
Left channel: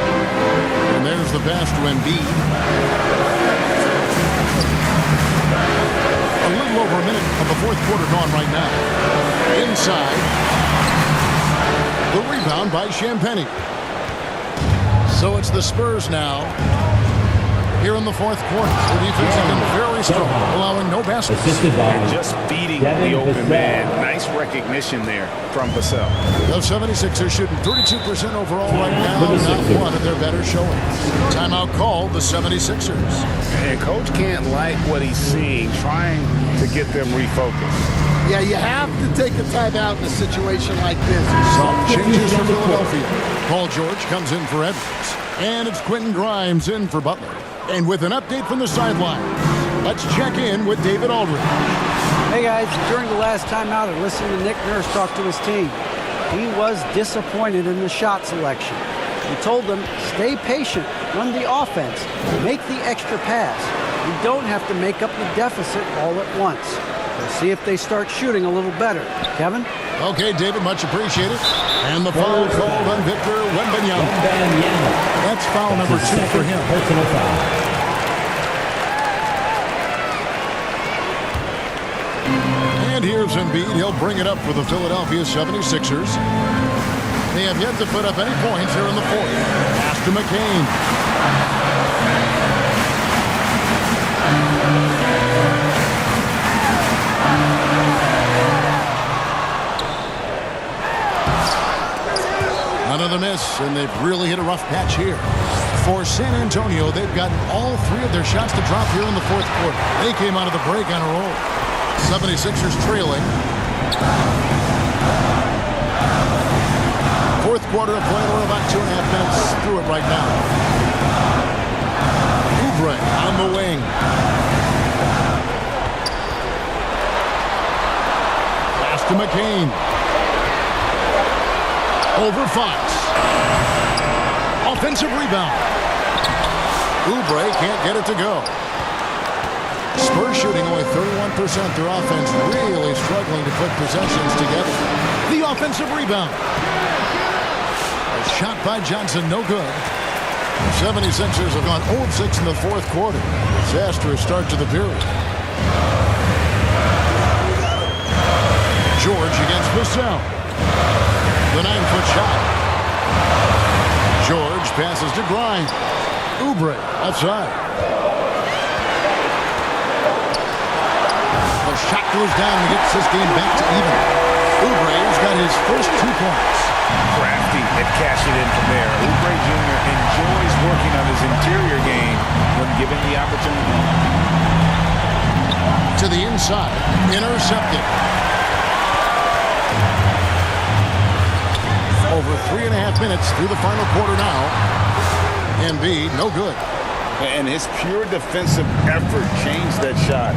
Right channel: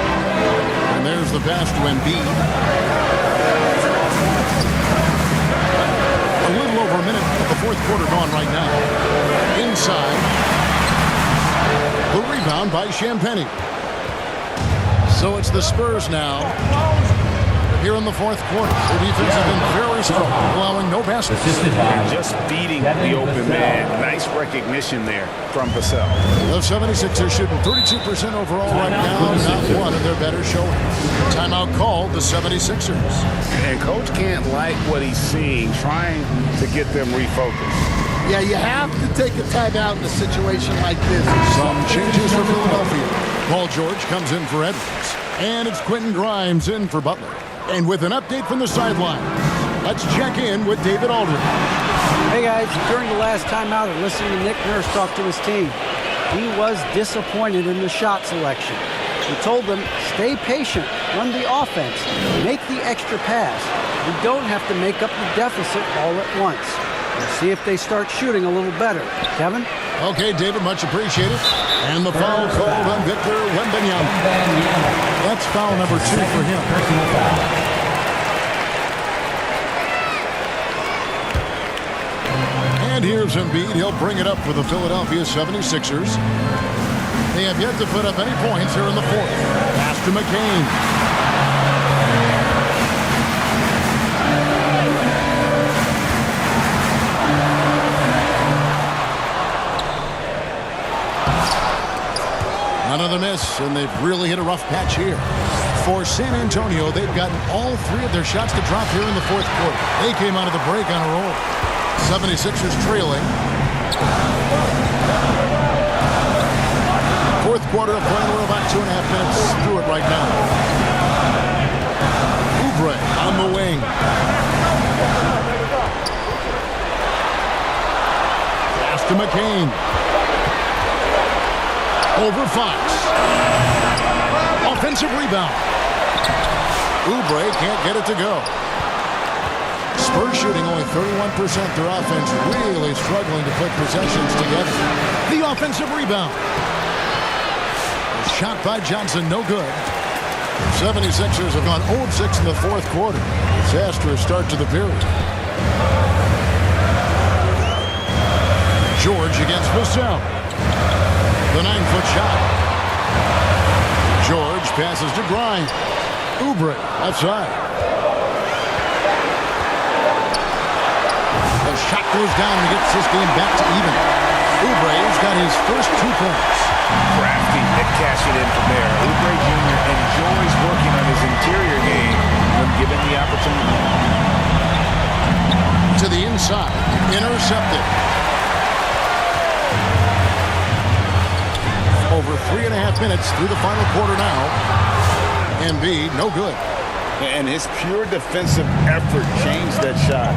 And there's the pass to Embiid. A little over a minute of the fourth quarter gone right now. Inside. The rebound by Champagnie. So it's the Spurs now. Here in the fourth quarter. Their defense has been very strong, allowing no baskets. And just feeding the open man. Nice recognition there from Vassell. The 76ers shooting 32% overall right now. Not one of their better showings. Timeout called the 76ers. And Coach can't like what he's seeing, trying to get them refocused. Yeah, you have to take a timeout in a situation like this. Some changes for Philadelphia. Paul George comes in for Edwards. And it's Quentin Grimes in for Butler. And with an update from the sideline, let's check in with David Aldridge. Hey guys, during the last timeout I listened to Nick Nurse talk to his team. He was disappointed in the shot selection. He told them, stay patient, run the offense, make the extra pass. We don't have to make up the deficit all at once. We'll see if they start shooting a little better. Kevin? Okay, David, much appreciated. And the foul called on Victor Wembanyama. That's foul number 2 for him. Personal foul. And here's Embiid. He'll bring it up for the Philadelphia 76ers. They have yet to put up any points here in the fourth. Pass to McCain. Another miss, and they've really hit a rough patch here. For San Antonio, they've gotten all 3 of their shots to drop here in the fourth quarter. They came out of the break on a roll. 76ers trailing. Fourth quarter of play. We're about 2.5 minutes through it right now. Oubre on the wing. Pass to McCain. Over Fox. Offensive rebound. Oubre can't get it to go. Spurs shooting only 31%. Their offense really struggling to put possessions together. The offensive rebound. A shot by Johnson, no good. The 76ers have gone 0 of 6 in the fourth quarter. Disastrous start to the period. George against Vassell. The 9-foot shot. George passes to Grimes. Oubre outside. The shot goes down and gets this game back to even. Oubre's got his first 2 points. Crafty at cashing in from there. Oubre Jr. enjoys working on his interior game when given the opportunity. To the inside. Intercepted. Over 3.5 minutes through the final quarter now. Embiid, no good. And his pure defensive effort changed that shot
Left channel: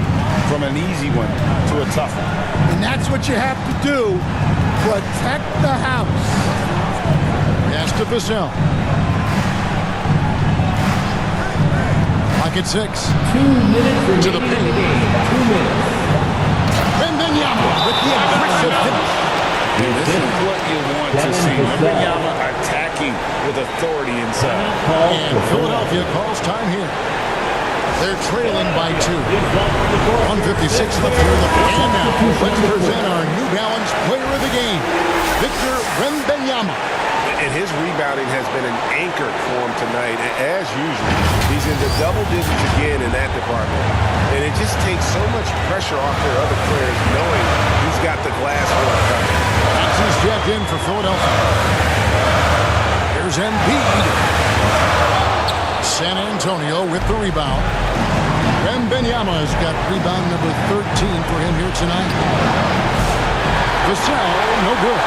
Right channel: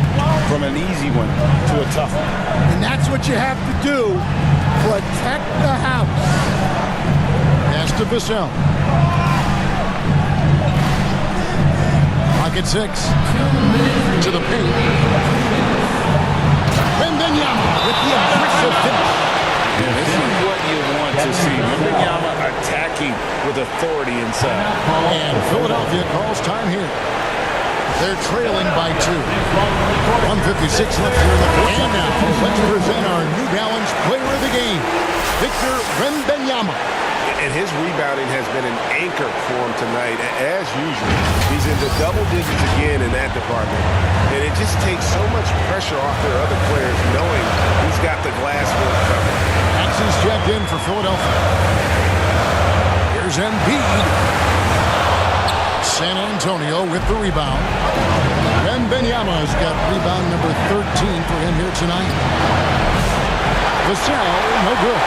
from an easy one to a tough one. And that's what you have to do. Protect the house. Pass to Vassell. Pocket 6. 2 minutes to the paint. 2 minutes. Wembanyama with the aggressive finish. And this is what you want to see. Wembanyama attacking with authority inside. And Philadelphia calls time here. They're trailing by 2. 1:56 left here in the fourth. And now, let's present our New Balance player of the game, Victor Wembanyama. And his rebounding has been an anchor for him tonight. As usual, he's in the double digits again in that department. And it just takes so much pressure off their other players knowing he's got the glass work covered. Maxey's checked in for Philadelphia. Here's Embiid. San Antonio with the rebound. Wembanyama's got rebound number 13 for him here tonight. Vassell, no good.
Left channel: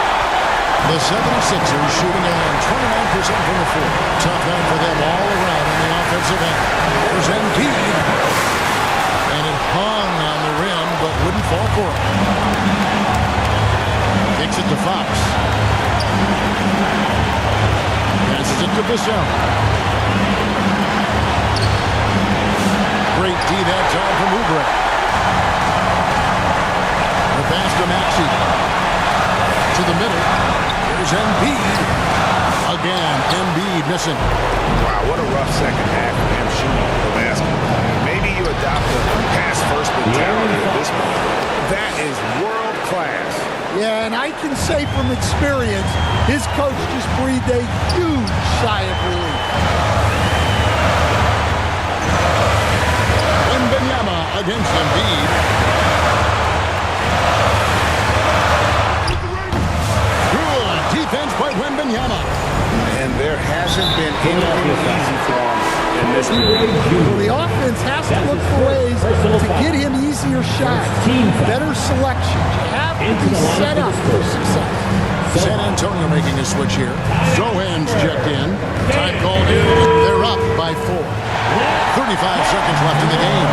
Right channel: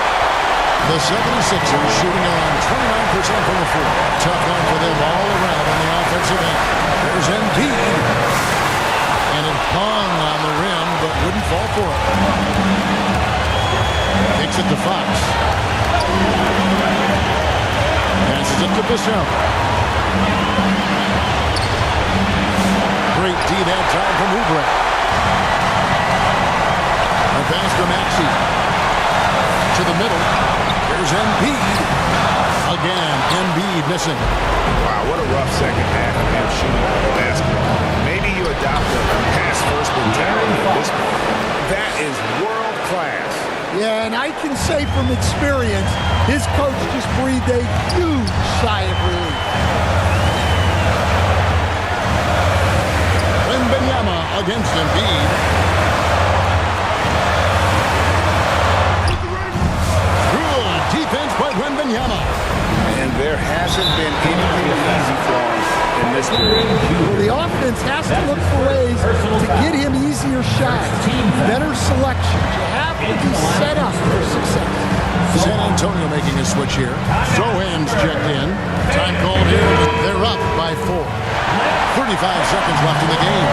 The 76ers shooting around 29% from the floor. Tough night for them all around on the offensive end. There's Embiid. And it hung on the rim, but wouldn't fall for it. Kicks it to Fox. Passes it to Vassell. Great D that time from Oubre. The pass to Maxey. To the middle. Here's Embiid. Again, Embiid missing. Wow, what a rough second half for him shooting the basketball. Maybe you adopt a pass-first mentality at this point. That is world class. Yeah, and I can say from experience, his coach just breathed a huge sigh of relief. Wembanyama against Embiid. Defense by Wembanyama. And there hasn't been anything easy for him in this period. Well, the offense has to look for ways to get him easier shots, better selections. You have to be set up for success. San Antonio making a switch here. Sohan's checked in. Time called here. They're up by 4. 35 seconds left in the game.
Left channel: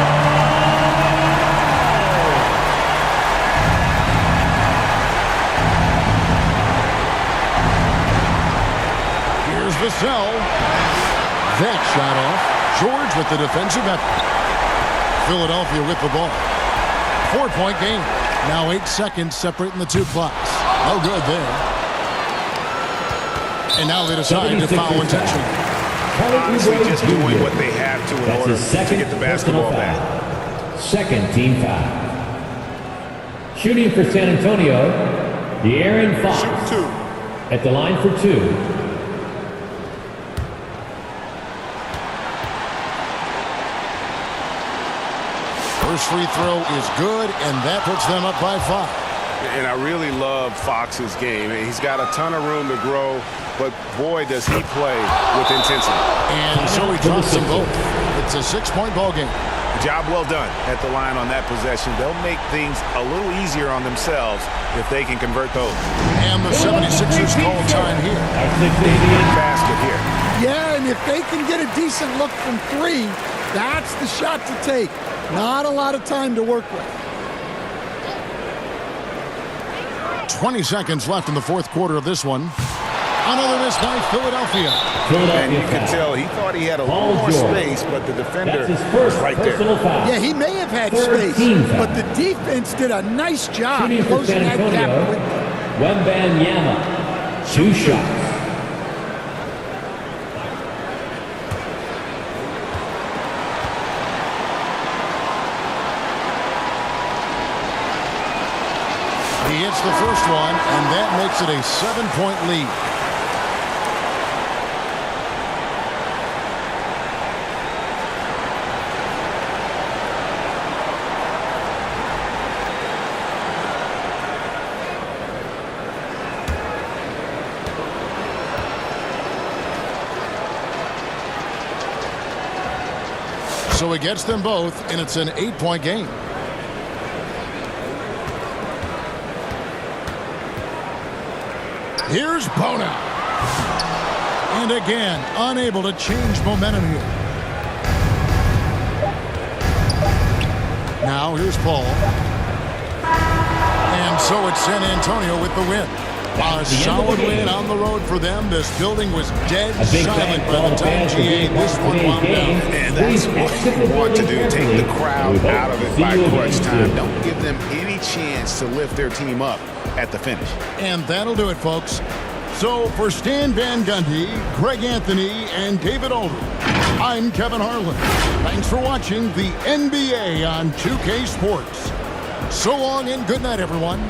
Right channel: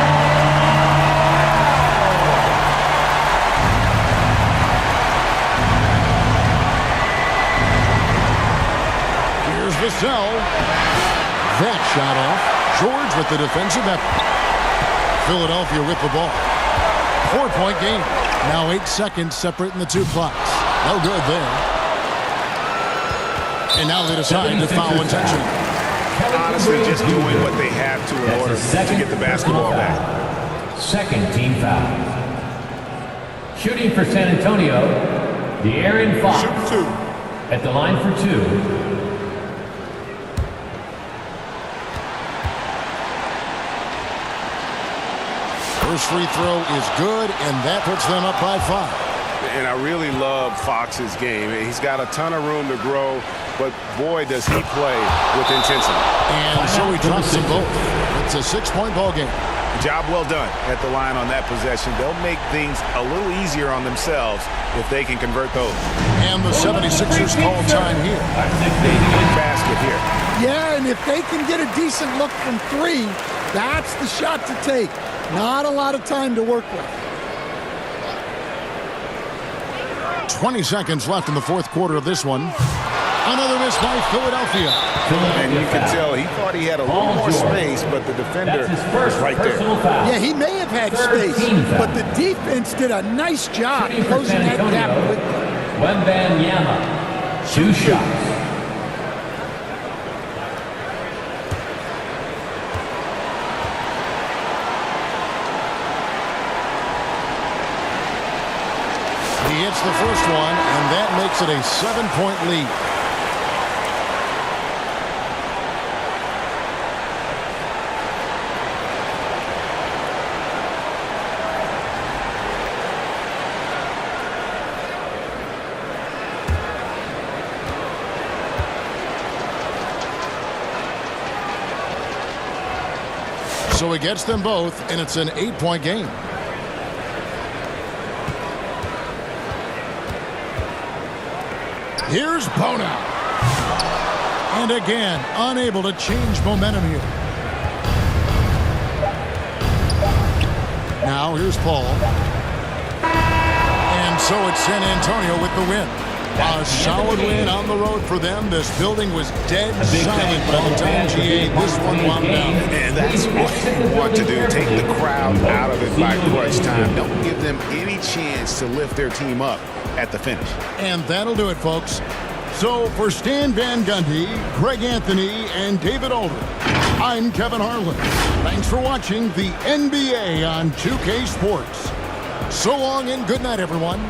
Here's Vassell. That shot off. George with the defensive effort. Philadelphia with the ball. 4-point game. Now 8 seconds separating the two clocks. No good there. And now they decide to foul intentionally. Honestly, just doing what they have to in order to get the basketball back. Second team foul. Shooting for San Antonio, De'Aaron Fox. Shoot 2. At the line for 2. First free throw is good, and that puts them up by 5. And I really love Fox's game. He's got a ton of room to grow, but boy, does he play with intensity. And so he drops them both. It's a 6-point ball game. Job well done at the line on that possession. They'll make things a little easier on themselves if they can convert those. And the 76ers call time here. Big basket here. Yeah, and if they can get a decent look from 3, that's the shot to take. Not a lot of time to work with. 20 seconds left in the fourth quarter of this one. Another miss by Philadelphia. And you can tell he thought he had a little more space, but the defender was right there. Yeah, he may have had space, but the defense did a nice job closing that gap quickly. Wembanyama, 2 shots. He hits the first one, and that makes it a 7-point lead. So he gets them both, and it's an 8-point game. Here's Bona. And again, unable to change momentum here. Now here's Paul. And so it's San Antonio with the win. A solid win on the road for them. This building was dead silent by the time GA this one wound down. And that's what you want to do. Take the crowd out of it by crunch time. Don't give them any chance to lift their team up at the finish. And that'll do it, folks. So for Stan Van Gundy, Greg Anthony, and David Aldridge, I'm Kevin Harlan. Thanks for watching the NBA on 2K Sports. So long and good night, everyone.